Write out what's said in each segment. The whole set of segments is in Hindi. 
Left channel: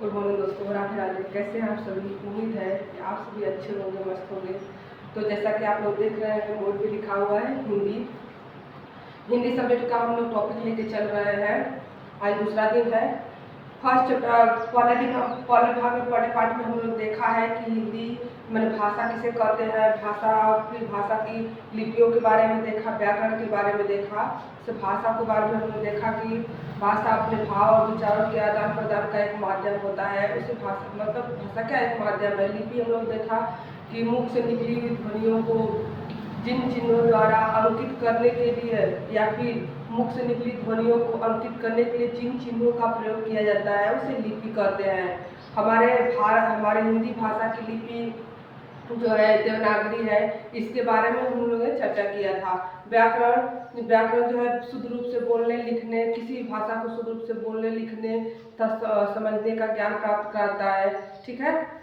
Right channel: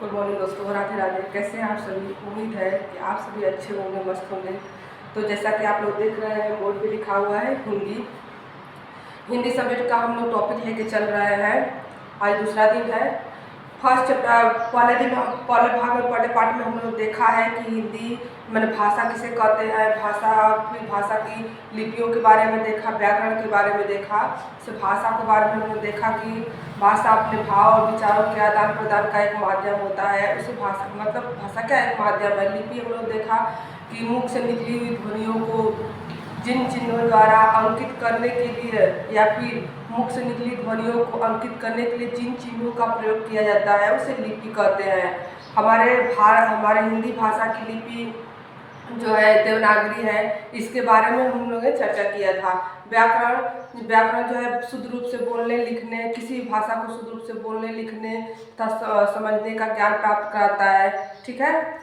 गुड मॉर्निंग दोस्तों, राधे राधे। कैसे हैं आप सभी? उम्मीद है कि आप सभी अच्छे होंगे, मस्त होंगे। तो जैसा कि आप लोग देख रहे हैं, बोर्ड पे लिखा हुआ है हिंदी। हिंदी सब्जेक्ट का हम लोग टॉपिक लेके चल रहे हैं। आज दूसरा दिन है। फर्स्ट चैप्टर पहले भाग में, पहले पार्ट में हम लोग देखा है कि हिंदी मैंने भाषा किसे कहते हैं, भाषा, फिर भाषा की लिपियों के बारे में देखा, व्याकरण के बारे में देखा। से भाषा के बारे में हमने देखा कि भाषा अपने भाव और विचारों के आदान प्रदान का एक माध्यम होता है। उसी भाषा मतलब भाषा क्या एक माध्यम है। लिपि हम लोग देखा कि मुख से निकली हुई ध्वनियों को जिन चिन्हों द्वारा अंकित करने के लिए या फिर मुख से निकली ध्वनियों को अंकित करने के लिए जिन चिन्हों का प्रयोग किया जाता है उसे लिपि कहते हैं। हमारे हिंदी भाषा की लिपि जो है देवनागरी है। इसके बारे में हम लोगों ने चर्चा किया था। व्याकरण जो है शुद्ध रूप से बोलने लिखने, किसी भाषा को शुद्ध रूप से बोलने लिखने तथा समझने का ज्ञान प्राप्त कराता है। ठीक है।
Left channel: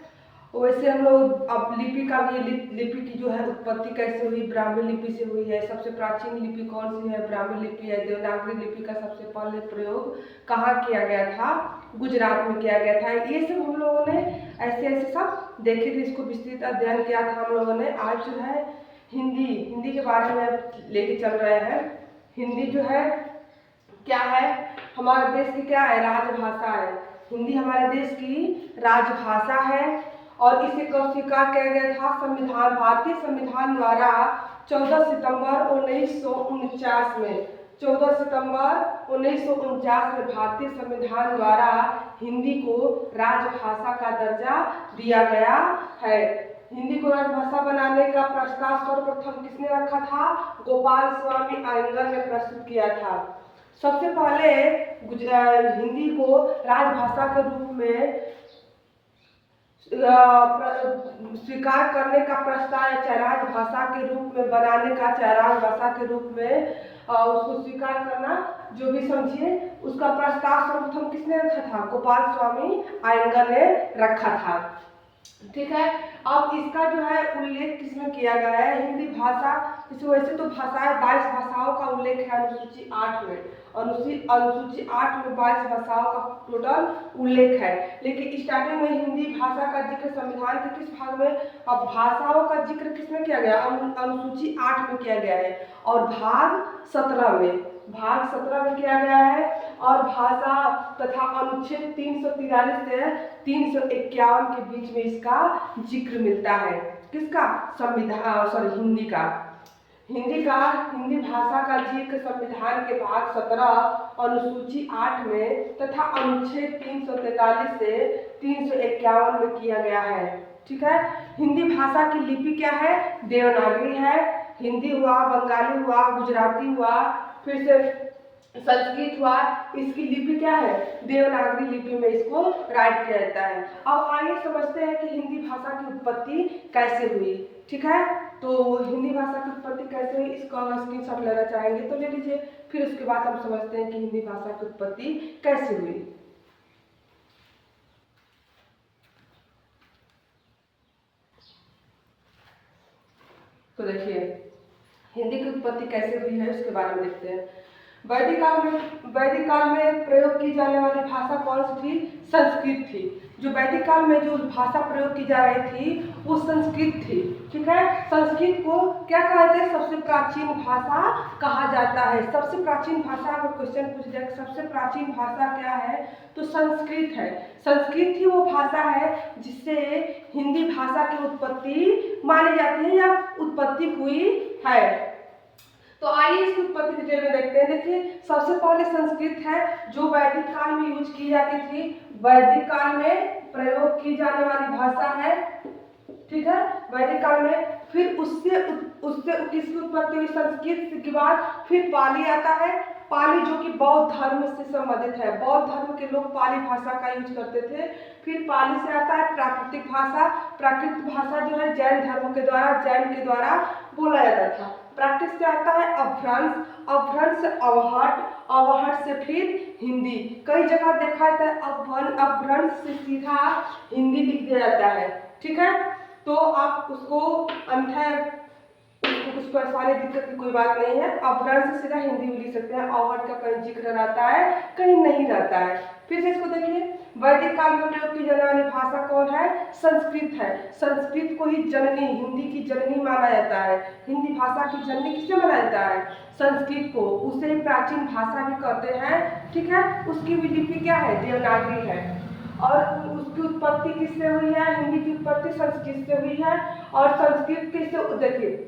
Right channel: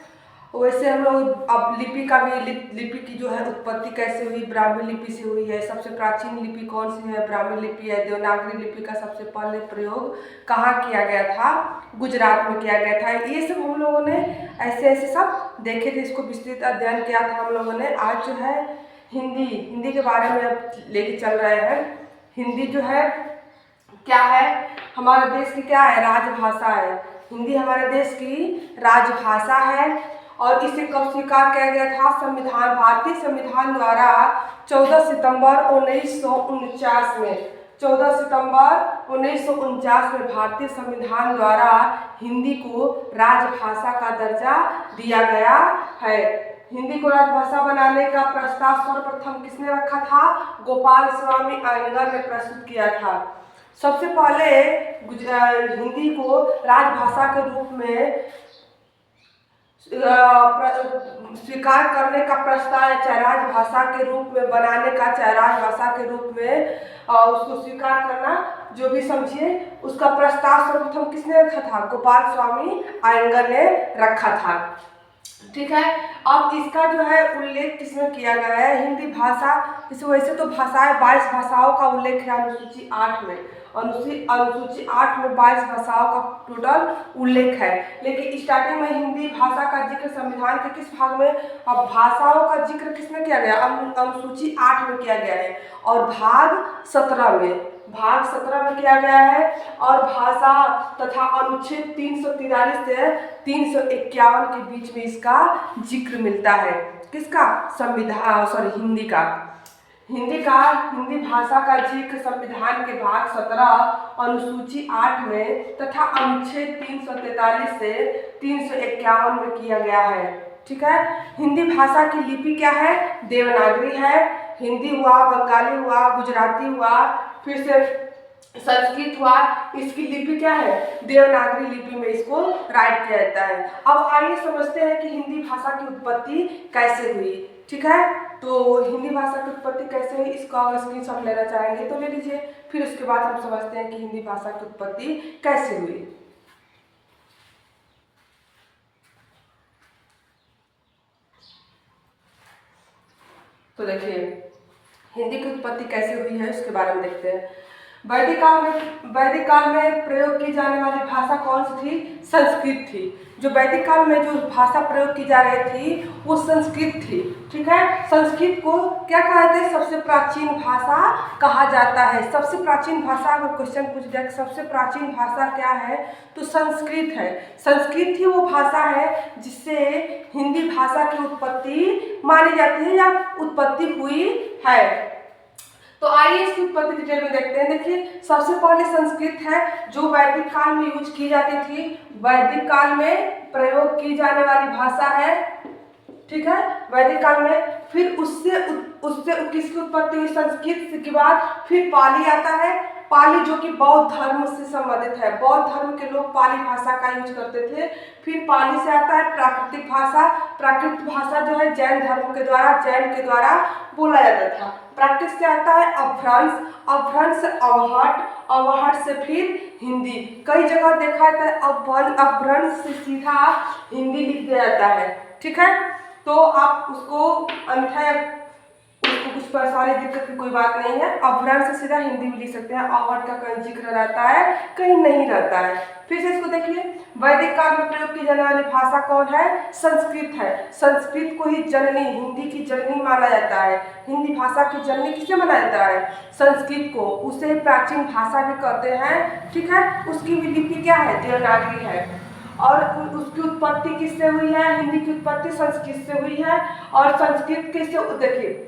वैसे हम लोग अब लिपि का भी, लिपि की जो है उत्पत्ति कैसे हुई, ब्राह्मी लिपि से हुई है। सबसे प्राचीन लिपि कौन सी है? ब्राह्मी लिपि है। देवनागरी लिपि का सबसे पहले प्रयोग कहाँ किया गया था? गुजरात में किया गया था। ये सब हम लोगों ने ऐसे ऐसे सब देखे थे, इसको विस्तृत अध्ययन किया था हम लोगों ने। आज जो है हिंदी के बारे में अब लेके चल रहे हैं। हिंदी जो है क्या है? हमारे देश की क्या है? राजभाषा है। हिंदी हमारे देश की राजभाषा है। और इसे कब स्वीकार किया गया था? संविधान, भारतीय संविधान द्वारा 14 सितंबर 1949 में, 14 सितंबर 1949 में भारतीय संविधान द्वारा हिंदी को राजभाषा का दर्जा दिया गया है। हिंदी को राजभाषा बनाने का प्रस्ताव सर्वप्रथम किसने रखा था? गोपाल स्वामी अयंगर ने प्रस्तुत किया था। सबसे पहले हिंदी को राजभाषा के रूप में स्वीकार करने का प्रस्ताव, चाहे राजभाषा के रूप में बनाने का, चाहे राजभाषा के रूप में उसको स्वीकार करना, जो भी समझिए, उसका प्रस्ताव सर्वप्रथम किसने रखा था? गोपाल स्वामी अयंगर ने रखा था। ठीक है। अब इसका जो है उल्लेख किसमें किया गया है? हिंदी भाषा, वैसे तो भाषाएं 22 भाषाओं का उल्लेख है अनुसूची 8 में। अनुसूची 8 में 22 भाषाओं का टोटल उल्लेख है। लेकिन स्टार्टिंग में हिंदी भाषा का जिक्र संविधान के किस भाग में? अब भाषाओं का जिक्र किसमें किया गया? अनुसूची 8 में किया गया है। और भाग 17 में किया गया है। और भाषा तथा अनुच्छेद 343 से 351 के बीच में इसका जिक्र मिलता है। किसका? हिंदी भाषा का जिक्र संविधान के भाग 17 अनुसूची 8 में तथा अनुच्छेद 343 से 351 में किया गया है। ठीक है। हिंदी भाषा की लिपि क्या है? देवनागरी है। हिंदी हुआ, बंगाली हुआ, गुजराती हुआ, फिर से संस्कृत हुआ। इसकी लिपि क्या है? देवनागरी लिपि में इसको राइट किया जाता है। अब आइए समझते हैं कि हिंदी भाषा की उत्पत्ति कैसे हुई। ठीक है। तो हिंदी भाषा की उत्पत्ति कैसे हुई, इसका स्क्रीनशॉट लेना चाहेंगे तो ले लीजिए। फिर उसके बाद हम समझते हैं कि हिंदी भाषा की उत्पत्ति कैसे हुई। तो देखिए हिंदी की उत्पत्ति कैसे हुई है उसके बारे में देखते हैं। वैदिक काल में प्रयोग की जाने वाली भाषा कौन सी थी? संस्कृत थी। जो वैदिक काल में जो भाषा प्रयोग की जा रही थी वो संस्कृत थी। ठीक है। संस्कृत को क्या कहते हैं? सबसे प्राचीन भाषा कहा जाता है। सबसे प्राचीन भाषा, अगर क्वेश्चन पूछ जाए सबसे प्राचीन भाषा क्या है तो संस्कृत है। संस्कृत ही वो भाषा है जिससे हिंदी भाषा की उत्पत्ति मानी जाती है या उत्पत्ति हुई है। तो आइए इसकी उत्पत्ति डिटेल में देखते हैं। देखिए सबसे पहले संस्कृत है जो वैदिक काल में यूज की जाती थी, वैदिक काल में प्रयोग की जाने वाली भाषा है। ठीक है। वैदिक काल में फिर उससे किसकी उत्पत्ति हुई? संस्कृत के बाद फिर पाली आता है। पाली जो कि बौद्ध धर्म से संबंधित है। बौद्ध धर्म के लोग पाली भाषा का यूज करते थे। फिर पाली से आता है प्राकृतिक भाषा। प्राकृतिक भाषा जो है जैन के द्वारा बोला जाता था। प्राकृत से आता है अपभ्रंश, अपभ्रंश से अवहट, अवहट से फिर हिंदी। कई जगह देखा जाता है अपभ्रंश से सीधा हिंदी लिख दिया जाता है। ठीक है। तो आप उसको कुछ परेशानी दिक्कत की कोई बात नहीं है। अभ्रंश से सीधा हिंदी भी लिख सकते हैं। अवहट का कहीं जिक्र रहता है, कहीं नहीं रहता है। फिर से इसको देखिए, वैदिक काल में प्रयोग की जाने वाली भाषा कौन है? संस्कृत है। संस्कृत को ही जननी, हिंदी की जननी माना जाता है। हिंदी भाषा की जननी किसे माना जाता है? संस्कृत को। उसे प्राचीन भाषा भी कहते हैं, ठीक है। उसकी भी लिपि क्या है? देवनागरी है। और उसकी उत्पत्ति किससे हुई है? हिंदी की उत्पत्ति संस्कृत से हुई है। और संस्कृत किससे, देखिए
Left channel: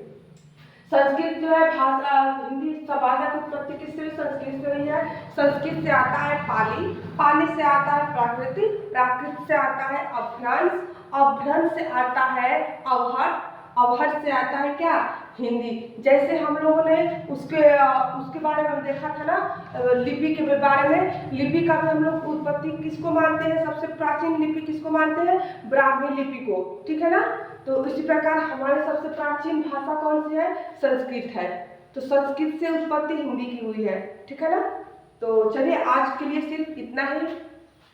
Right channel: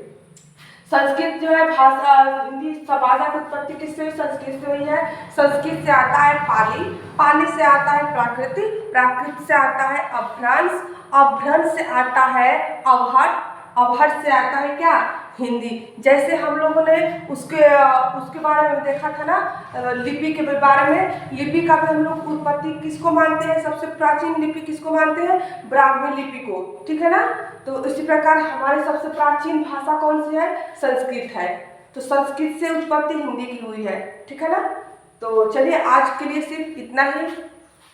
संस्कृत जो है भाषा, हिंदी भाषा की उत्पत्ति किससे हुई? संस्कृत से हुई है। संस्कृत से आता है पाली, पाली से आता है प्राकृत, प्राकृत से आता है अभ्रंश, अभ्रंश से आता है अवहट, अवहट से आता है क्या? हिंदी। जैसे हम लोगों ने उसके बारे में देखा था ना, लिपि के बारे में। लिपि का भी हम लोग उत्पत्ति किसको मानते हैं? सबसे प्राचीन लिपि किसको मानते हैं? ब्राह्मी लिपि को, ठीक है ना। तो इसी प्रकार हमारी सबसे प्राचीन भाषा कौन सी है? संस्कृत है। तो संस्कृत से उत्पत्ति हिंदी की हुई है, ठीक है ना। तो चलिए आज के लिए सिर्फ इतना ही।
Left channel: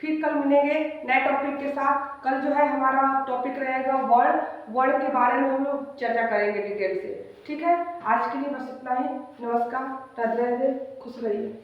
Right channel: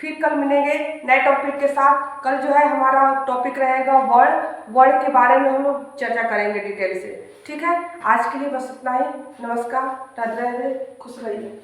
फिर कल मिलेंगे नए टॉपिक के साथ। कल जो है हमारा टॉपिक रहेगा वर्ड, वर्ड के बारे में हम लोग चर्चा करेंगे डिटेल से, ठीक है। आज के लिए बस इतना ही। नमस्कार, राधे राधे, खुश रहिए।